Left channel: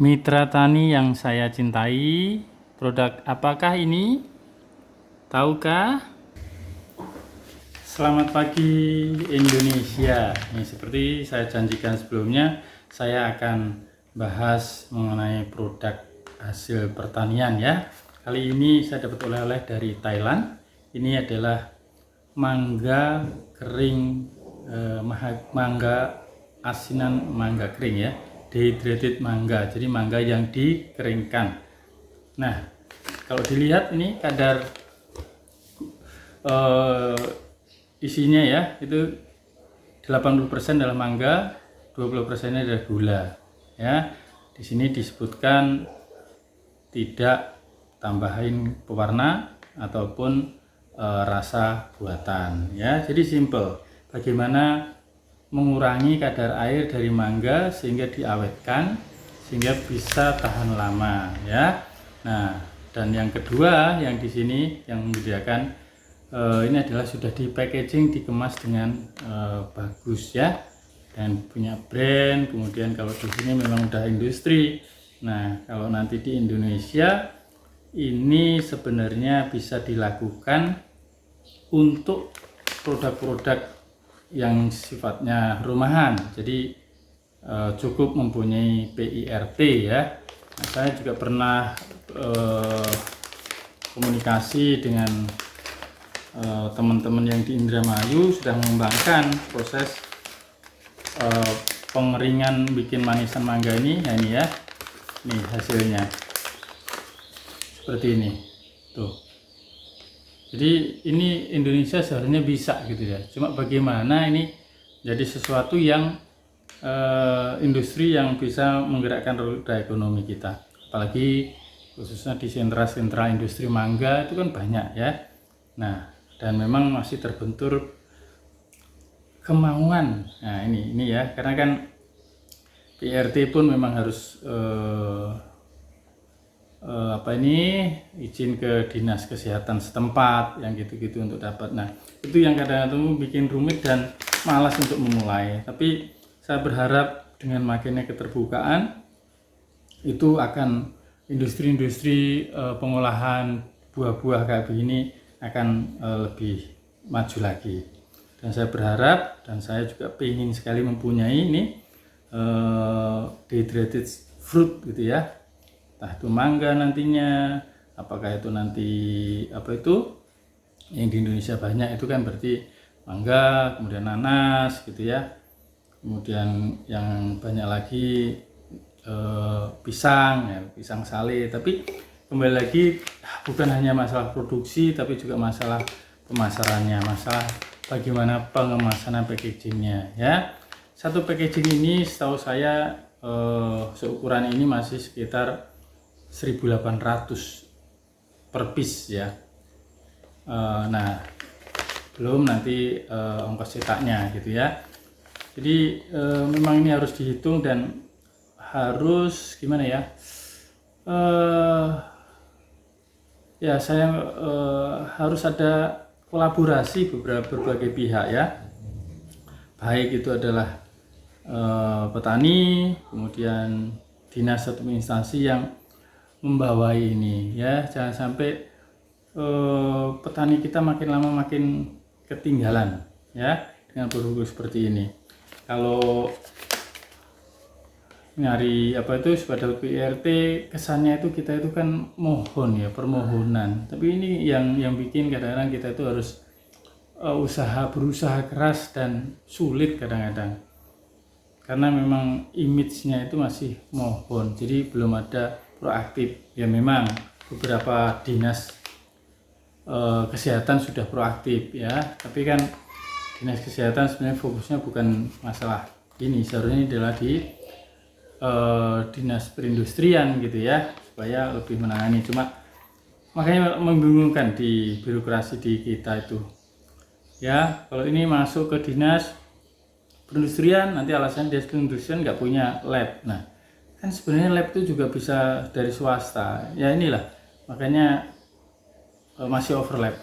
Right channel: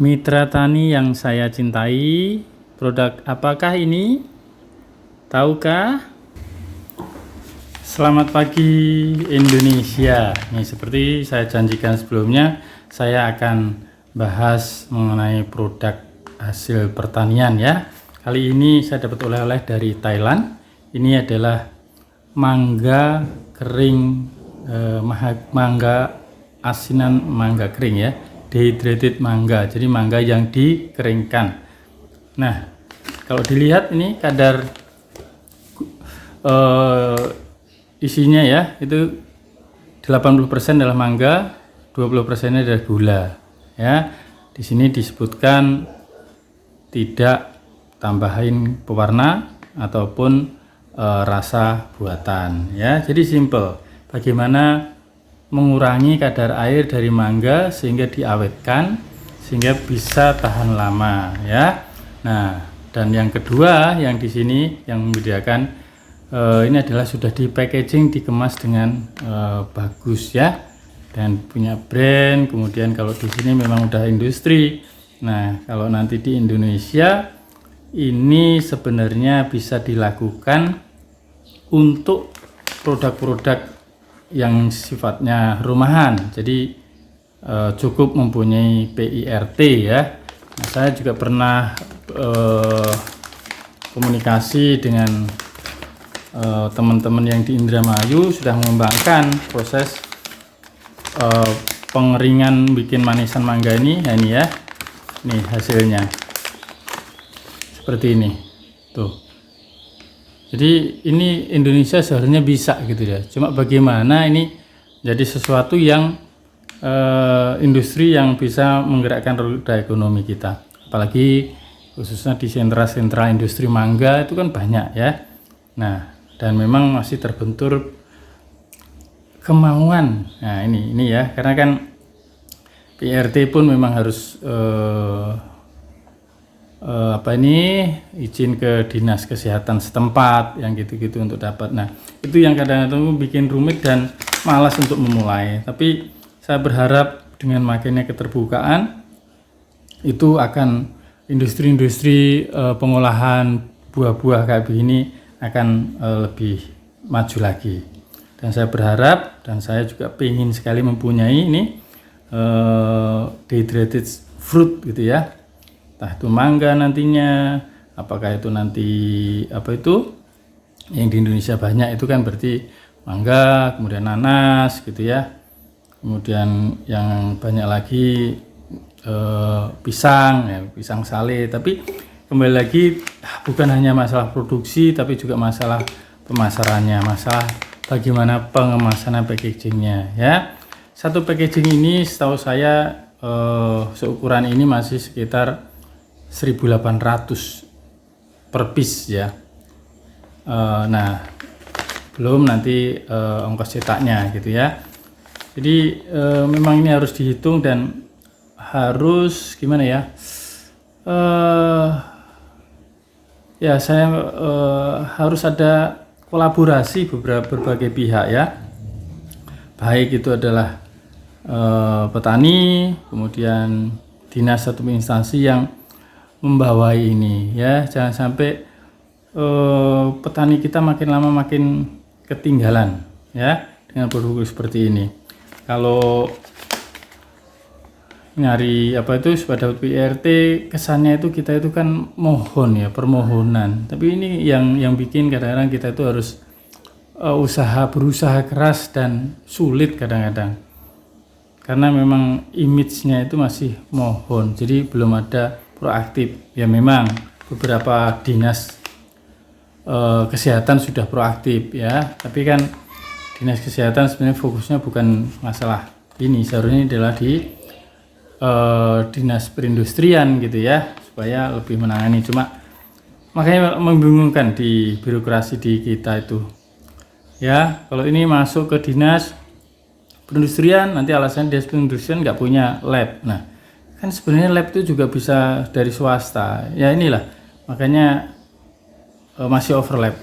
Mitra tani yang saya cintai, produk apakah ini? Tahukah? Selamat pagi Indonesia. Nih, seperti saya janjikan sebelumnya, saya akan bahas mengenai produk hasil pertanian ya. Kali ini saya dapat oleh-oleh dari Thailand. Ini adalah mangga kering, mangga asinan mangga kering ya. Dehydrated mangga, jadi mangga yang dikeringkan. Nah, kalau dilihat ini kadar isinya ya, itu 80% adalah mangga, 20% adalah gula. Ya, di sini disebutkan tidak tambahin pewarna ataupun rasa buatan. Ya, jadi simple. Bagaimana mengurangi kadar air dari mangga sehingga diawetkan sehingga bisa tahan lama ya. Nah, dan yang kedua yang di sini yang membedakan ini adalah sudah di packaging, dikemas dengan bagus ya dan punya brand. Kemudian kalau di sini memang udah industri. Nah, kalau nanti di Indonesia ini sebenarnya bisa dilakukan untuk produk-produk yang sifatnya rumahan, jadi cukup mempunyai PIRT ya. Nah, saya juga pernah komunikasi dengan teman-teman yang di Indramayu sudah mengembangkan proses pengeringan bikin manisan mangga ini. Nah, ini ya, nih hasilnya seperti ini tuh. Jadi ini Indonesia seharusnya bisa gitu ya. Cuma bagaimana ini jadi sesuatu yang industri yang bisa menggerakkan roda ekonomi kita. Apalagi khususnya di sentra-sentra industri mangga itu kan banyak ya. Nah, dan memang masih terbentur kemauan. Nah, ini ya, karena kan PRT pun memang harus izin ke dinas kesehatan setempat yang gitu-gitu untuk dapat. Nah, itu yang kadang-kadang bikin rumit dan malas untuk memulai. Tapi saya berharap dengan makinnya keterbukaan itu akan industri-industri pengolahan buah-buah kayak begini akan lebih maju lagi. Dan saya berharap dan saya juga ingin sekali mempunyai ini dehydrated fruit gitu ya. Entah itu mangga nantinya, apakah itu nanti yang di Indonesia banyak itu kan berarti mangga, kemudian nanas gitu ya, kemudian yang banyak lagi pisang ya, pisang sale. Tapi kembali lagi bukan hanya masalah produksi tapi juga masalah pemasarannya, masalah bagaimana pengemasan packagingnya ya. Satu packaging ini setahu saya seukuran ini masih sekitar 1.800 per piece ya. Nah, belum nanti ongkos cetaknya gitu ya. Jadi memang ini harus dihitung dan harus gimana ya? Ya saya harus ada kolaborasi berbagai pihak ya. Baik itu adalah petani, kemudian dinas atau instansi yang membawai ini ya. Jangan sampai petani kita makin lama makin ketinggalan ya dengan produk seperti ini. Kalau nyari pada PRT kesannya itu kita itu kan mohon ya, permohonan. Tapi ini yang bikin kadang-kadang kita itu harus berusaha keras dan sulit kadang-kadang. Karena memang image-nya itu masih mohon. Jadi belum ada proaktif. Ya memang beberapa dinas kesehatan sudah proaktif ya, tapi kan dinas kesehatan sebenarnya fokusnya bukan masalah ini, seharusnya adalah di dinas perindustrian gitu ya, supaya lebih menangani. Cuma makanya membingungkan di birokrasi di kita itu ya. Kalau ini masuk ke dinas perindustrian, nanti alasan dinas perindustrian nggak punya lab. Nah, kan sebenarnya lab itu juga bisa dari swasta ya. Inilah makanya masih overlap.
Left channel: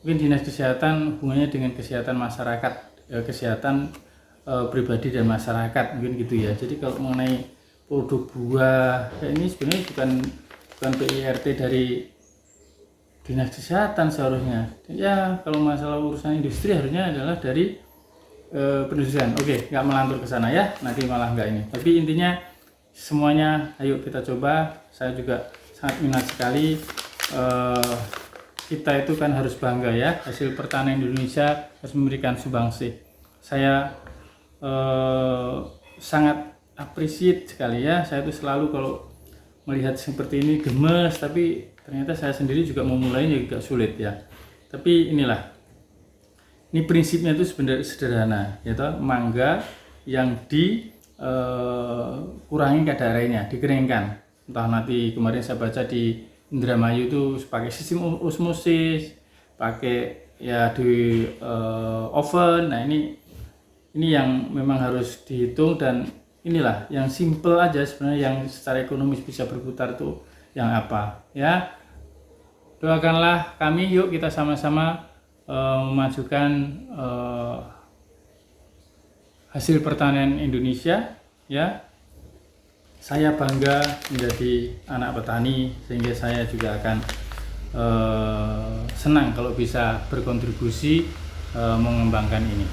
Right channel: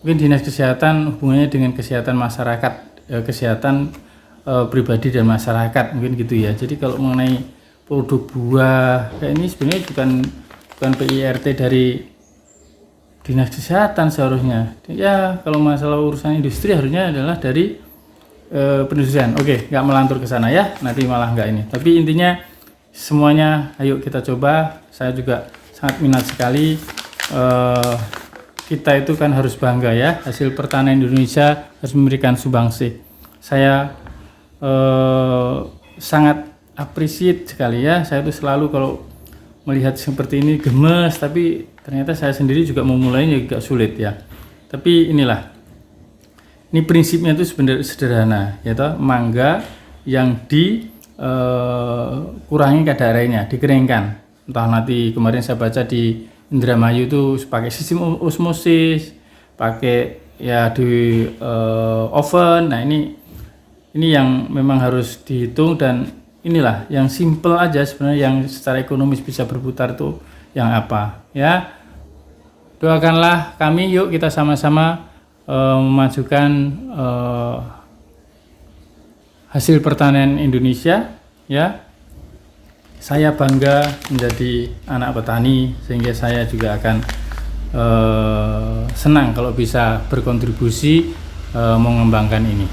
Mungkin dinas kesehatan hubungannya dengan kesehatan masyarakat, kesehatan pribadi dan masyarakat mungkin gitu ya. Jadi kalau mengenai produk buah kayak ini sebenarnya bukan PIRT dari Dinas Kesehatan seharusnya. Ya kalau masalah urusan industri harusnya adalah dari perindustrian. Oke, nggak melantur ke sana ya, nanti malah nggak ini. Tapi intinya semuanya ayo kita coba. Saya juga sangat minat sekali. Kita itu kan harus bangga ya, hasil pertanian Indonesia harus memberikan sumbangsih. Saya sangat appreciate sekali ya. Saya tuh selalu kalau melihat seperti ini gemes, tapi ternyata saya sendiri juga mau mulainya agak sulit ya. Tapi inilah, ini prinsipnya itu sebenarnya sederhana, yaitu mangga yang dikurangi kadar airnya, dikeringkan. Entah nanti kemarin saya baca di Indramayu itu pakai sistem osmosis, pakai ya di oven. Nah ini yang memang harus dihitung, dan inilah yang simple aja sebenarnya, yang secara ekonomis bisa berputar tuh yang apa ya. Doakanlah kami, yuk kita sama-sama memajukan hasil pertanian Indonesia ya. Saya bangga menjadi anak petani, sehingga saya juga akan senang kalau bisa berkontribusi mengembangkan ini.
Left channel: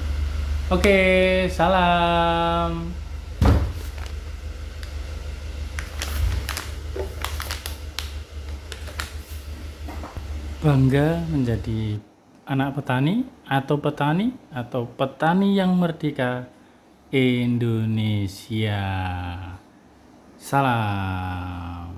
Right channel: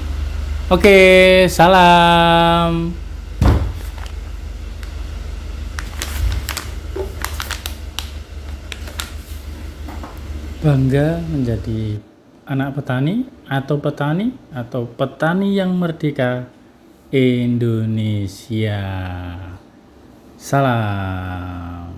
Oke, salam. Bangga menjadi anak petani atau petani yang merdeka Indonesia. Salam.